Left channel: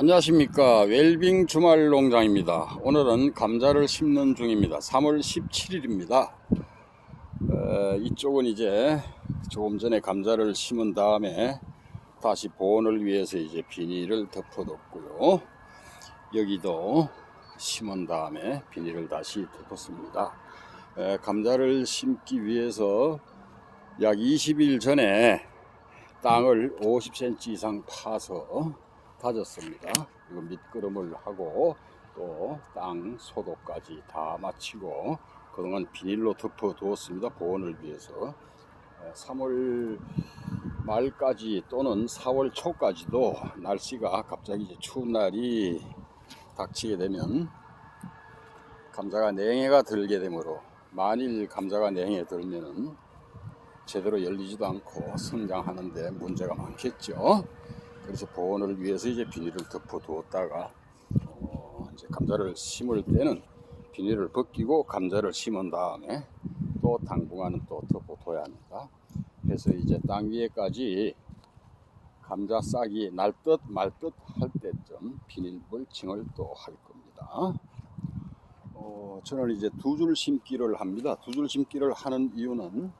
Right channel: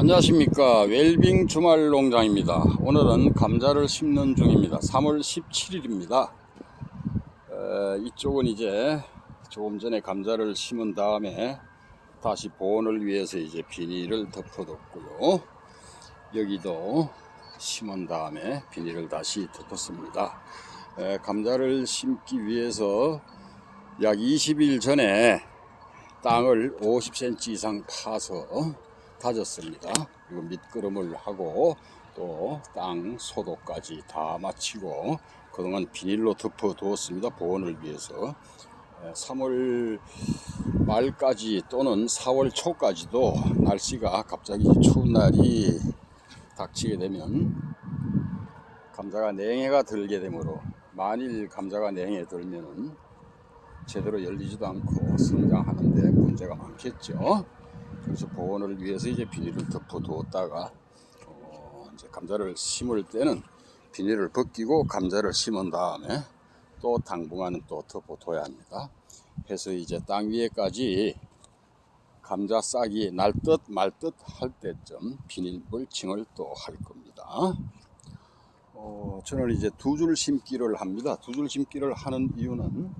안녕하십니까. 웰빙 주말 농장입니다. 오늘은 감자를 심는 중입니다. 3월 17일입니다. 이쪽은 이제 조금 전에 감자를 심은 다음에 다시 보온을 위해서 이제 비닐을 덮어뒀고요. 여기도 심은 다음에 비닐을 다시 덮었습니다. 감자를 심기 위해서 약 20일 전에 땅을 50cm 이상 파서 다졌습니다. 그리고 밑거름을 하고 또 땅 소독까지 다 마치고 그동안 비닐로 덮어 두었습니다. 보온을 위해서 3월 말까지 또는 4월 초까지도 날씨가 갑자기 추운 날이 닥치게 되면 감자가 냉해가 들게 되므로, 만일 감자가 냉해 들면은 제대로 열리지도 않고 성장하는데 문제가 많겠죠. 그래서 보온을 위해서 이제 비닐을 덮어 두었다가 이제 감자를 심을 때는 비닐을 벗기고 감자를 심은 다음에 또 당분간은 또 덮어 둬야 합니다. 그래서 이제 땅 위에까지 감자 싹이 날 듯 말 듯 할 때쯤 비닐 물칭을 또 할 겁니다. 저는 이제 두 줄 심기를 합니다. 두 줄 심기를 하는 이유는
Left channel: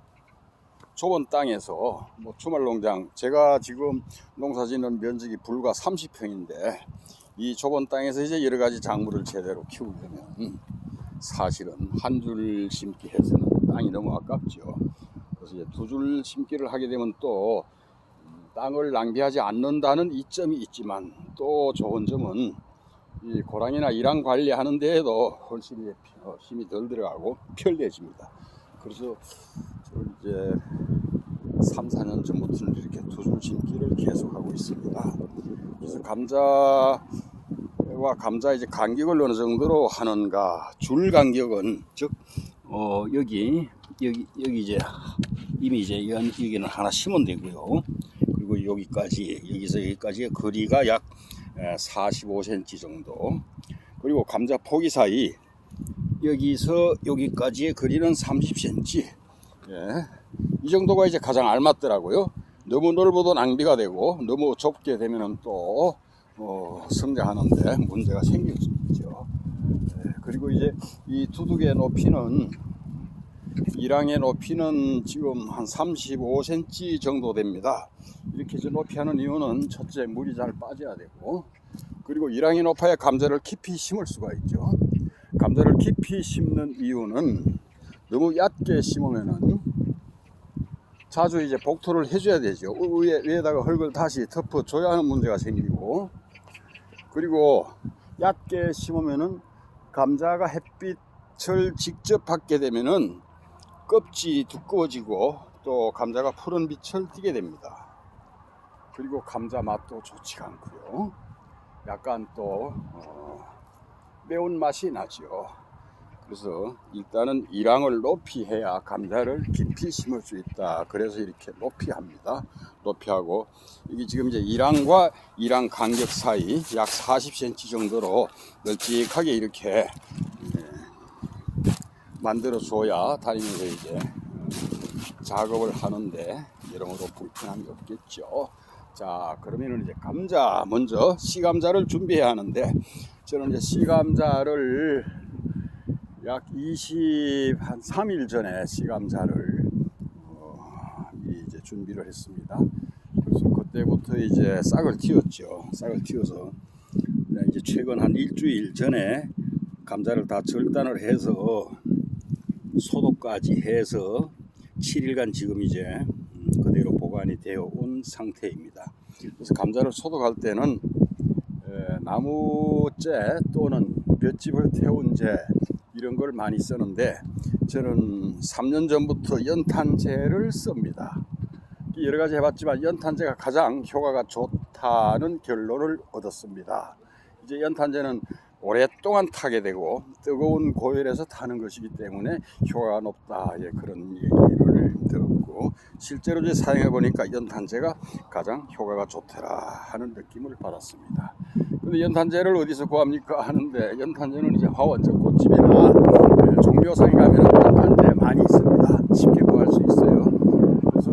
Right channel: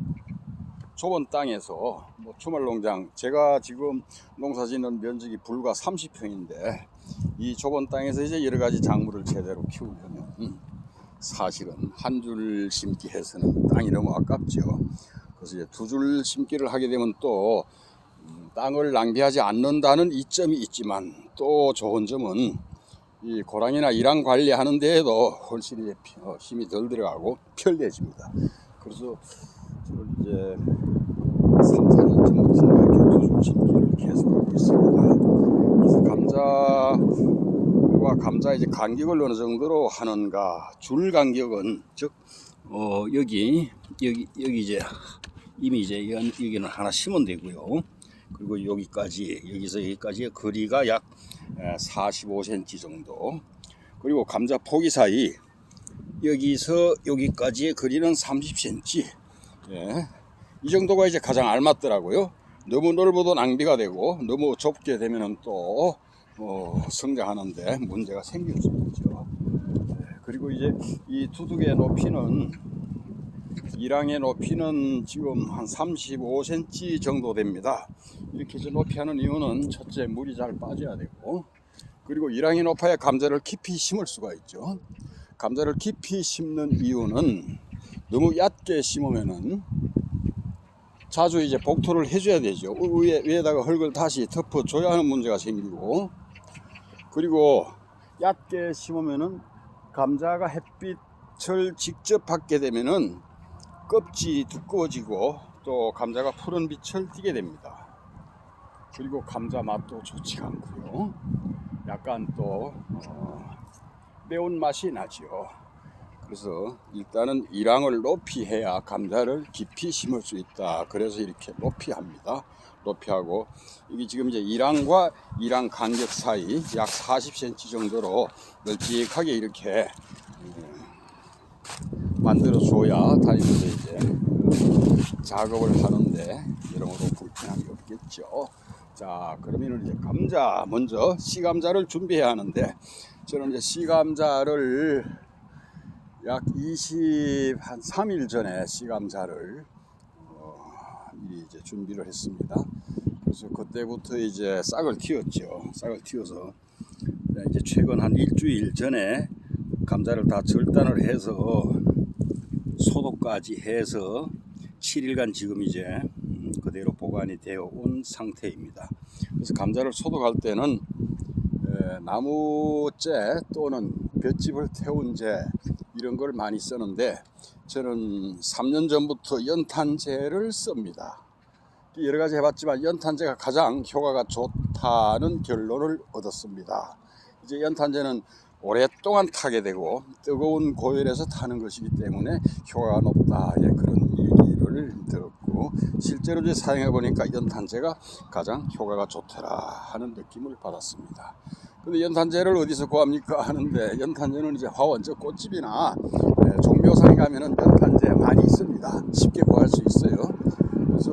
좁은 땅에서 주말농장, 제가 지금 농사짓는 면적이 불과 30평인데 이 좁은 땅에서 이제 여러 가지 작물을 제대로 키우려면 사실은 한 줄 심기 해서는 땅이 너무 아깝죠. 그래서 이제 두 줄 심기를 하게 되면 또 땅을 낭비하지 않는다는 이점이 있지만, 또 좋은 점은 이 고랑이나 이랑 관리하는 데에도 훨씬 힘이 덜 들어가고 편리해집니다. 그래서 저는 이제 3, 4년 전부터 이렇게 두 줄 심기를 계속하고 있습니다. 그래서 감자와 감자 이제 간격을 어느 정도로 하는가, 줄 간격은 즉 여기 이제 이미 이제 여기는 하나 심으면 되고요. 그리고 여기서 여기까지의 거리가 약 45cm 정도. 그리고 감자 포기 사이 여기서 여기까지의 거리는 30cm. 이 정도가 이제 가장 알맞더라고요. 너무 넓어도 낭비가 되고 너무 좁게 되면은 또 성장하는데 문제가 생길 수 있죠. 그리고 이제 이 두둑의 높이는, 이랑의 높이는 지금 한 35cm 정도 됩니다. 이렇게 높이 하는 이유는 첫째, 물이 잘 빠져야 되고, 그리고 이랑이 높아야 감자를 깊이 심을 수가 있죠. 감자를 깊이 심는 이유는 너무 얕게 심으면은 자주 이제 복토를 해줘야 되죠. 위에다가 흙을 다시 덮어줘야 하는 문제가 생기고, 그리고 얕게 심으면은 감자가 햇빛을 직접 받게 되면은 껍질이 두꺼워지고 또 감자가 푸른 빛을 띠게 됩니다. 그리고 감자 맛도 좋지 않고요. 약간 또 매운맛이 나죠. 그래서 일단은 이랑을 높이 해야 감자를 깊이 심을 수 있다. 그래서 이렇게 높이 합니다. 높이 하고, 이게 지금 이제 이랑과 이랑 간격 사이 약 40cm 정도로 널찍하게 이렇게 만들어 줘야 다니면서 이제 작업을 하는데 여러모로 불편함이 없겠죠. 자, 그러면 이제 감자, 먼저 씨감자를 준비해야 하는데, 저는 이제 씨감자를 약 23일 전에 씨감자를 이제 준비를 했습니다. 그래서 그때부터 이제 싹을 틔웠죠. 싹을 틔워서 이제 최근 한 일주일 전에 감자를 다 절단을 해서 소독까지 해서 7일간 지금 이제 그대로 보관이 되어 온 상태입니다. 그래서 감자를 소독할 때는 나무재 또는 볏짚을 태운 재, 이런 걸 많이 쓰는데, 저는 3년 전부터 연탄재를 씁니다. 여러 가지 해봤지만 연탄재가 가장 효과가 좋다는 결론을 얻었습니다. 이제 연탄재는 오랫동안 타게 되고 뜨거운 고열에서 타는 것이기 때문에 효과가 높다, 그런 얘기를 들었고, 실제로 이제 사용해 보니까 연탄재가 가장 효과가 좋더라 하는 느낌을 받았습니다. 근데 연탄재를 어디서 구합니까 하는데, 연탄재는 이제 화원적 꽃집이나 종묘상에 가면 연탄재 많이 있습니다. 쉽게 구할 수 있어요. 그래서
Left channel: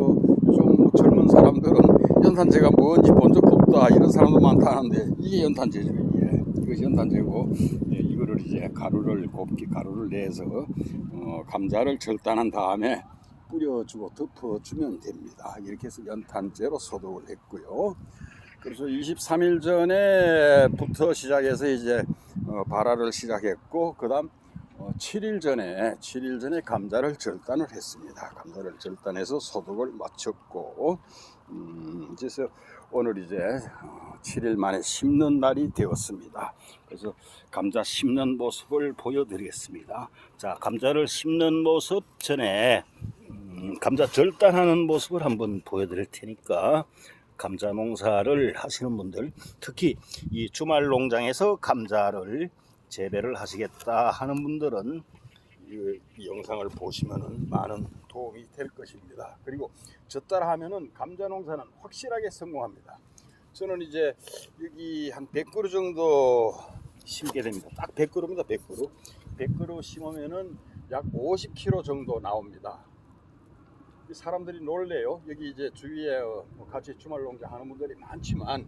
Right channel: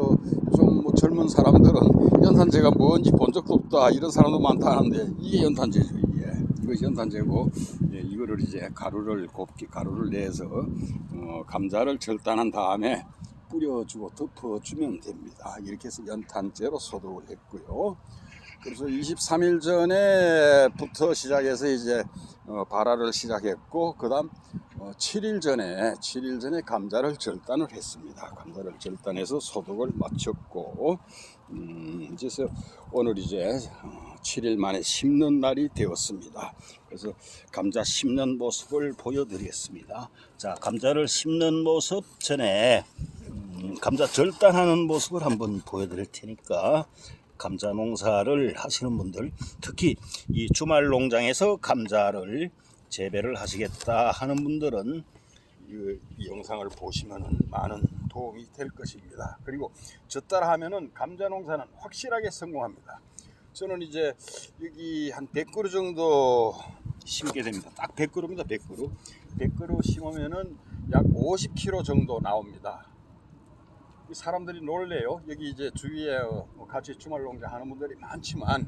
좀 젊은 사람들은 연탄재가 뭔지 본 적도 없다 이런 사람도 많다 하는데 이게 연탄재죠. 이것이 연탄재고, 이거를 이제 곱게 가루를 내서 감자를 절단한 다음에 뿌려주고 덮어주면 됩니다. 이렇게 해서 연탄재로 소독을 했고요. 그래서 23일 전에부터 시작해서 이제 발화를 시작했고, 그 다음 7일 전에 감자를 절단을 했습니다. 감자를 절단해서 소독을 마쳤고, 그래서 오늘 이제 7일 만에 심는 날이 되었습니다. 그래서 감자 심는 모습을 보여드리겠습니다. 자, 감자를 심는 모습 전에 감자 절단하는 모습을 한번 보여드릴 테니까, 감자 농사를 하시는 분들, 특히 이 주말 농장에서 감자를 재배를 하시겠다 하는 분들은 이 영상을 보시면 많은 도움이 될 것입니다. 그리고 저 따라 하면은 감자 농사는 확실하게 성공합니다. 저는 이제 여기 한 100그루 정도 심게 됩니다. 딱 100그루입니다. 100그루 심으면은 약 50kg 정도 나옵니다. 사람들이 놀래요. 여기 이제 주위에 같이 주말 농장 하는 분들이 많지만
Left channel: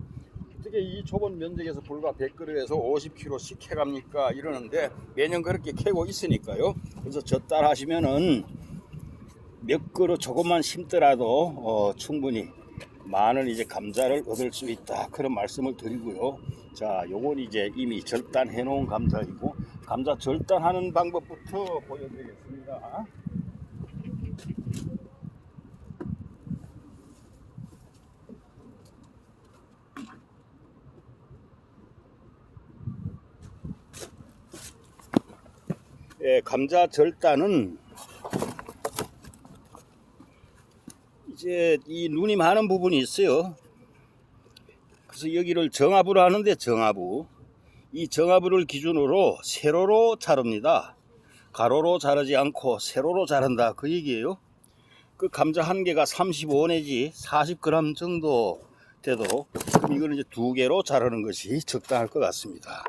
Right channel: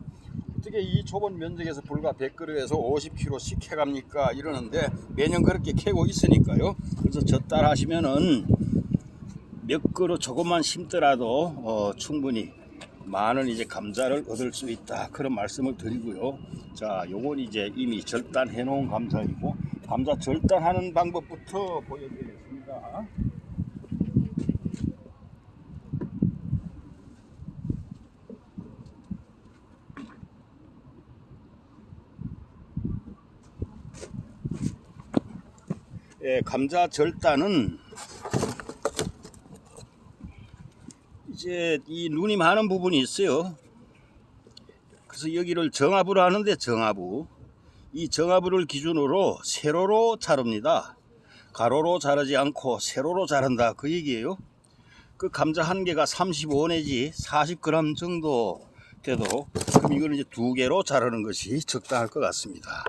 어떻게 이 좁은 면적에서 불과 100그루에서 50kg씩 해갑니까 이러는데, 매년 그렇게 캐고 있으니까요. 그래서 저 따라 하시면은 몇 그루 조금만 심더라도 충분히 많은 이제 감자를 얻을 수 있다, 그런 말씀을 드리고요. 자, 요건 이제 이미 절단해 놓은 감자이고, 감자 절단하는 방법부터 보여드리겠습니다. 감자 절단은 이제 이 눈이 많은 부분이 있어요. 그래서 여기를 정압으로 하는데, 이 정압을 기준으로 세로로 자릅니다. 가로로 자르지 않고 세로로 자른다, 그 얘기예요. 그 감자 한 개가 35 내지 40g 정도 되도록, 그럼 이걸 이제 2개로 자르는 것이 적당할 것 같습니다.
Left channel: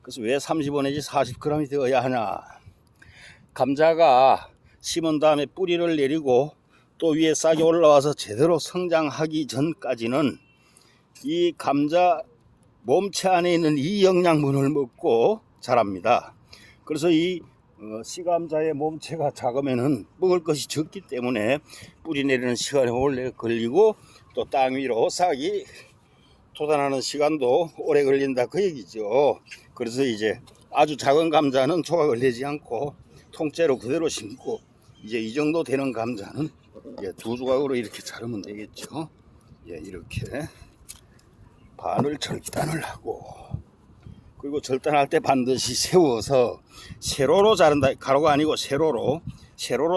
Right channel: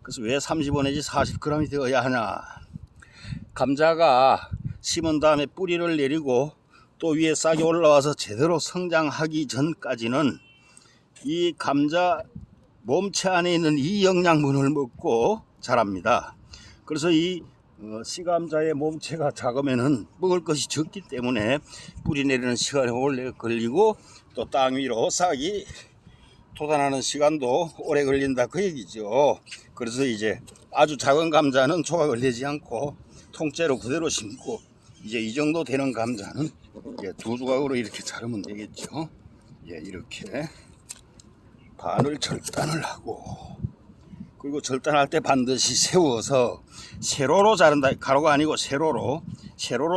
그래서 왜 35 내지 40g이 되어야 하냐? 감자가 심은 다음에 뿌리를 내리고 또 위에 싹이 올라와서 제대로 성장하기 전까지는 이 감자 몸체 안에 있는 이 영양분을 먹고 자랍니다. 그래서 이 씨감자의 몸체가 작으면은 먹을 것이 적기 때문에 뿌리 내리는 시간이 오래 걸리고, 또 땅 위로 싹이 돋아나는 시간도 오래 걸린다, 그 얘기죠. 그래서 이제 아주 작은 감자는 조각을 내지 않고 통째로 그대로 심고, 이제 이 정도 되는 감자는 2조각으로 이렇게 자르면 되겠죠. 이렇게 반을 절단을 하고, 그리고 절단할 때 반드시 세워서 세로로 자른다, 가로가 아니고 세로로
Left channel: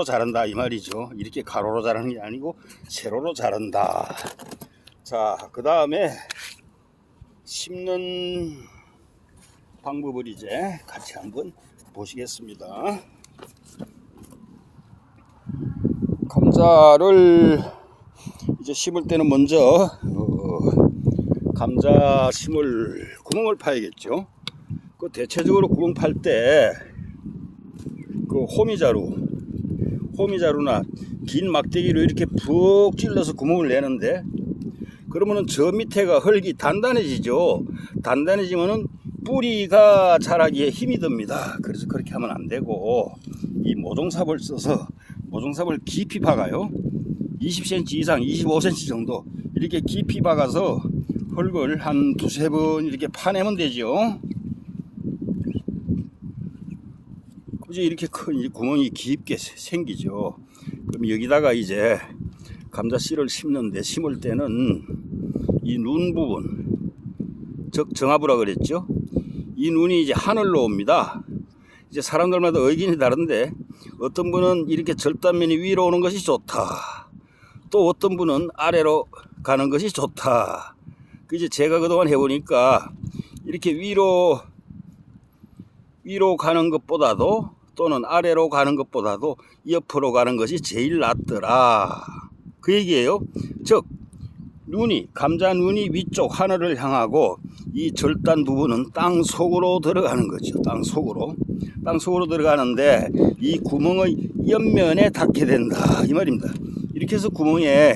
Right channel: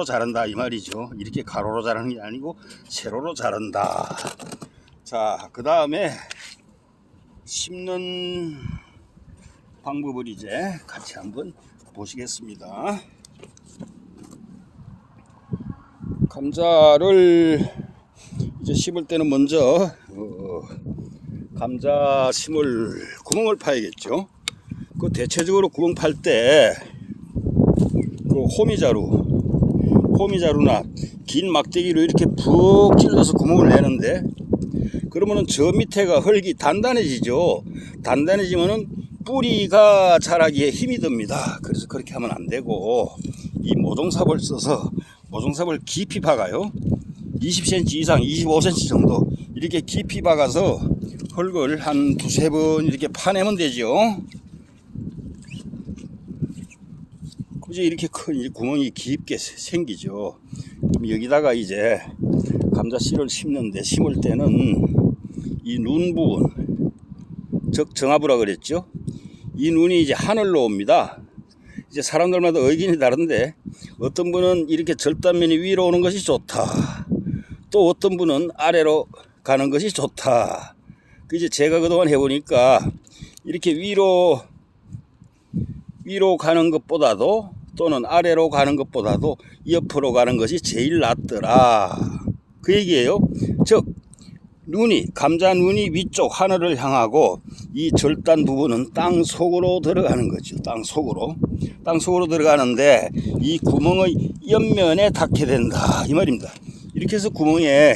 자른다 이 말이죠. 이렇게 가로로 자르는 게 아니고 세로로 자른다. 자, 그 다음에 심는 방법을 이제 같이 한번 보시겠습니다. 감자를 이제 심을 때는 먼저 감자 심을 구멍을 파야겠죠. 그 대체적으로 구멍 팔 때 그 호미자루나 긴 막대기로 이렇게 푹 찔러서 구멍을 내는데, 그러면은 저 밑에가 흙이 단단해지죠. 단단해지면은 뿌리가 자라기에 힘이 듭니다. 그래서 그렇게 하면 안 되고, 이 모종삽을 써서 모종삽을 깊이 박아요. 20cm 이상, 25cm 정도 이렇게 깊이 박아서 흙을 한 2-3번 이렇게 파내면 되죠. 그죠? 이렇게 큰 구멍이 깊게 생기죠. 그럼 여기다가 이제 감자 씨를 심을 때는 이 눈 부분, 즉 정압이라 그랬죠. 이 눈이 이제 하늘로 옵니다. 이제 사람들마다 의견이 다른데, 어떤 분은 이렇게 절단면이 위로 오는 것이 좋다, 또 어떤 분은 아래로 가는 것이 좋다. 이제 제가 그동안 해보니까 이렇게 위로 가는 것보다도, 또는 아래로 가는 것보다도 옆으로 가는 것이 제일 낫더라, 그 얘기예요. 즉 감자 눈이 위쪽 하늘을 향하고, 이 절단 부분은 땅 속으로 들어가는 거죠. 땅 속으로 들어가는데, 이 구멍의 옆면에 닿게 된다 이 말입니다. 이렇게 해서 구멍에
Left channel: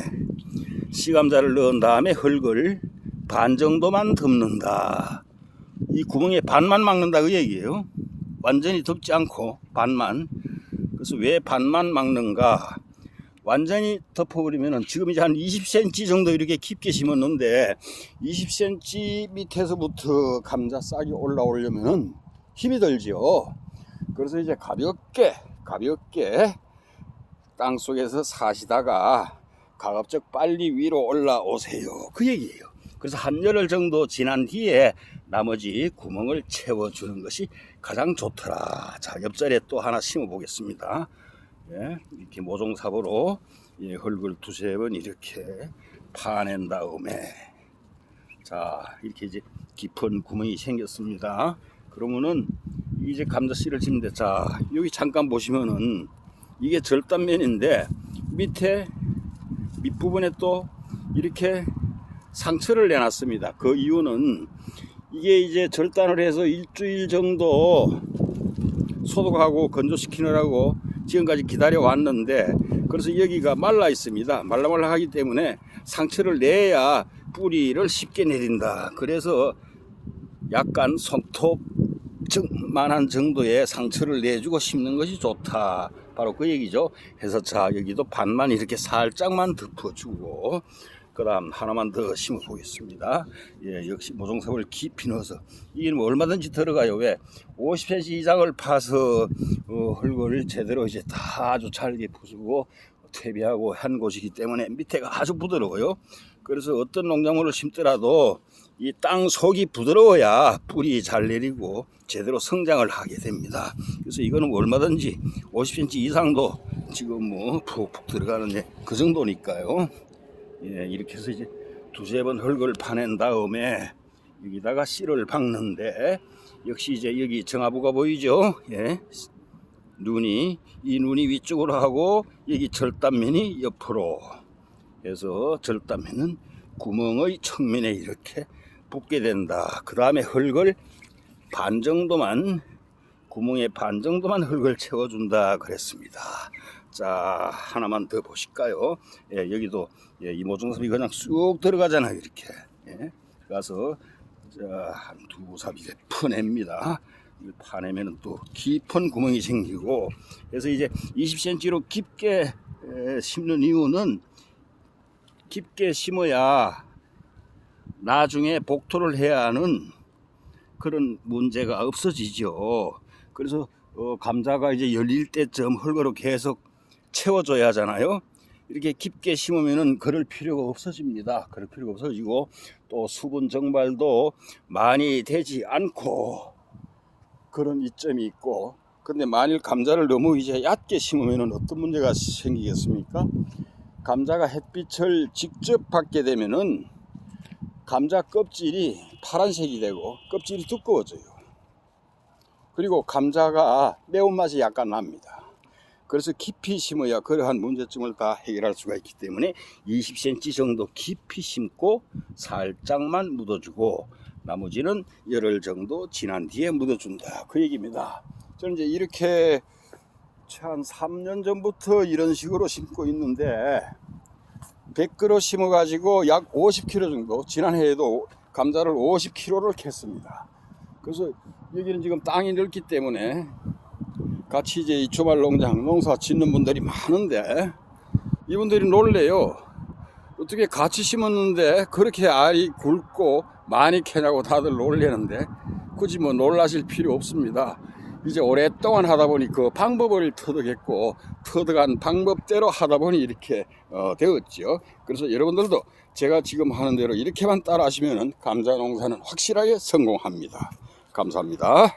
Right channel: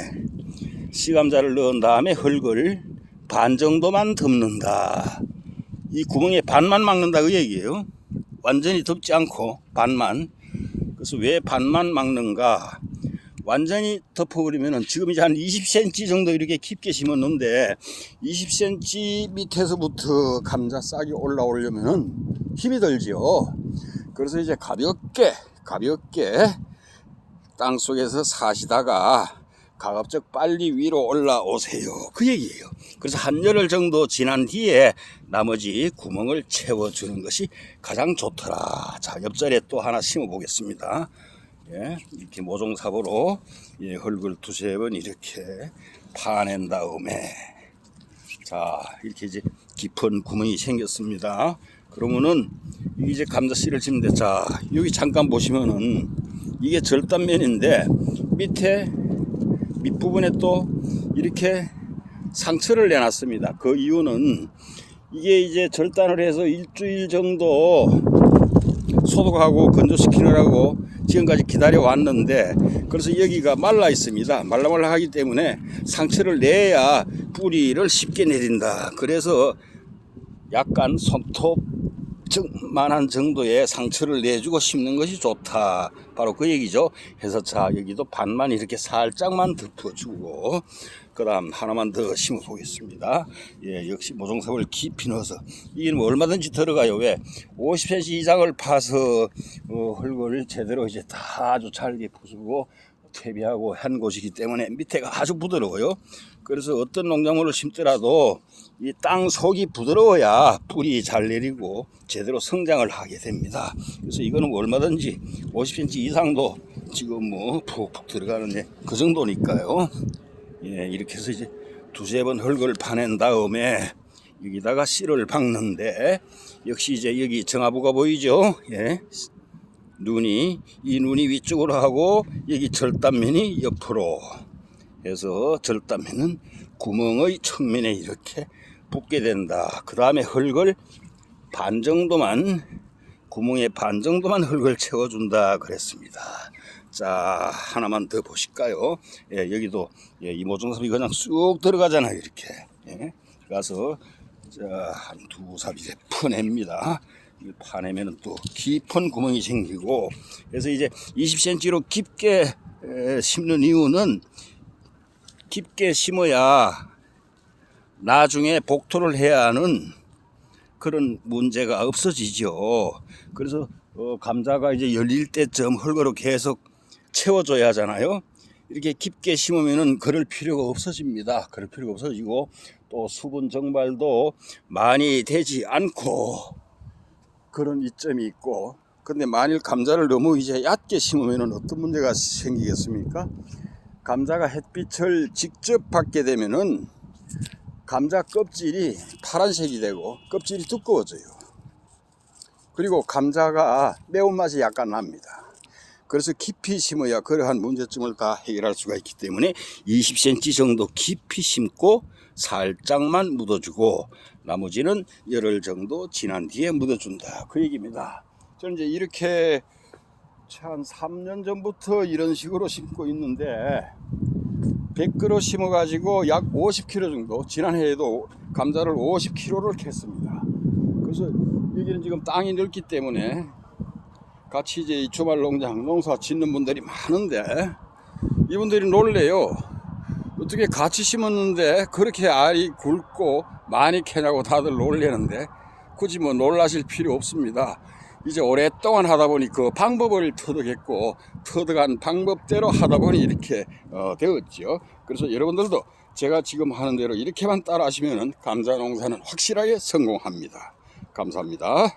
씨감자를 넣은 다음에 흙을 반 정도만 덮는다. 이 구멍에 반만 막는다 그 얘기예요. 완전히 덮지 않고 반만. 그래서 왜 반만 막는가? 완전히 덮어버리면은 지금 이제 한 20cm 정도 이렇게 깊게 심었는데 20cm 밑에서부터 감자 싹이 올라오려면은 힘이 들죠. 그래서 이제 가볍게 땅 속에서 사시다가 가급적 빨리 위로 올라오세요 그 얘기예요. 그래서 한 열흘 정도 지난 뒤에 나머지 구멍을 채워주는 것이 가장 좋더라. 자, 옆자리에 또 하나 심어 보겠습니다. 예, 이렇게 모종삽으로 흙을 두세 번 이렇게 파낸 다음에 자, 이렇게 이제 깊은 구멍이 생겼습니다. 그러면은 이제 감자 씨를 심는데, 자, 여기 잠깐 보시면은 이게 절단면인데 밑부분에 또 이렇게 상처를 내놨습니다. 그 이유는 이게 이제 절단을 해서 일주일 정도 소독하고 건조시키느라고 지금까지 기다려 왔는데, 그래서 여기가 말라 있습니다. 말라말라하기 때문에 상처를 내야 뿌리를 쉽게 내린다. 그래서 약간 손톱만한 정도의 상처를 내주고 심는 것이 좋다. 바로 그 얘기죠. 해서 자, 여기도 반만 이렇게 살짝만 덮어주고 그 다음 하나만 더 심어 보겠습니다. 예, 역시 모종삽을 깊이 넣어서 이게 뭐 얼마든지 들어가요. 왜 50cm 이상을 파서 흙을 제대로 이제 다 아주 잘게 부수고 퇴비하고 한 곳이기 때문에 밑에가 아주 부드러워요. 그래서 어떤 농작물을 심더라도 이 땅 속이 부드러워야 뿌리 잘 내리고 제대로 성장을 하게 됩니다. 그래서 이거는 뭐 얼마든지 50cm 이상도 지금 뭐 푹푹 들어가는데 그 정도니까요. 예, 이렇게 해서 이제 두세 번 흙을 파낸 다음에 여기다가 씨를 박는데, 역시 이제 여기 정화부가 보이죠? 예. 이 눈이 위쪽으로 하고 여기 절단면이 옆으로 해서 절단면은 구멍의 측면에 이렇게 붙게 된다. 그 다음에 흙을 반 정도만, 구멍에 반 정도만 흙을 채워준다 그랬습니다. 자, 하나만 더 보실까요? 예, 여기도 이 모종삽이 그냥 쑥 들어가잖아요. 이렇게 가서 한 두 삽 이제 퍼냅니다. 파내면 또 깊은 구멍이 생기고, 그래서 이제 20cm로 깊게 심는 이유는 깊게 심어야 나중에 복토를 해야 하는 그런 문제가 없어지죠. 그래서 감자가 이제 열릴 때쯤 흙으로 계속 채워줘야 하잖아요. 이렇게 깊게 심으면은 그럴 필요가 없어집니다. 그럴 필요가 없어지고 또 수분 증발도 많이 되지 않고 그런 이점이 있고, 근데 만일 감자를 너무 이제 얕게 심으면은 어떤 문제가 생기겠습니까? 감자가 햇빛을 직접 받게 되면은 감자 껍질이 파란색이 되고 껍질이 두꺼워져요. 그리고 감자가 매운맛이 약간 납니다. 그래서 깊이 심어야 그러한 문제점을 다 해결할 수가 있기 때문에 20cm 정도 깊이 심고 살짝만 묻어주고 나머지는 열흘 정도 지난 뒤에 묻어준다 그 얘기입니다. 저는 이제 이렇게 한 3년 전부터 이런 식으로 심고 있는데 100그루 심어 가지고 약 50kg 정도, 지난해에도 감자를 50kg를 캤습니다. 그래서 여기는 지금 땅이 넓기 때문에 같이 이제 이 주말 농사 짓는 분들이 많은데 이분들이 놀래요. 어떻게 같이 심었는데 그렇게 알이 굵고 많이 캐냐고 다들 놀래는데, 굳이 뭐 놀라실 필요 없습니다. 이제 오랫동안 하다 보니 그 방법을 터득했고 터득한 방법대로 하다 보니 이렇게 되었죠. 그래서 여러분들도 제가 지금 하는 대로 이렇게만 따라 하시면 감자 농사는 확실하게 성공합니다. 감사합니다.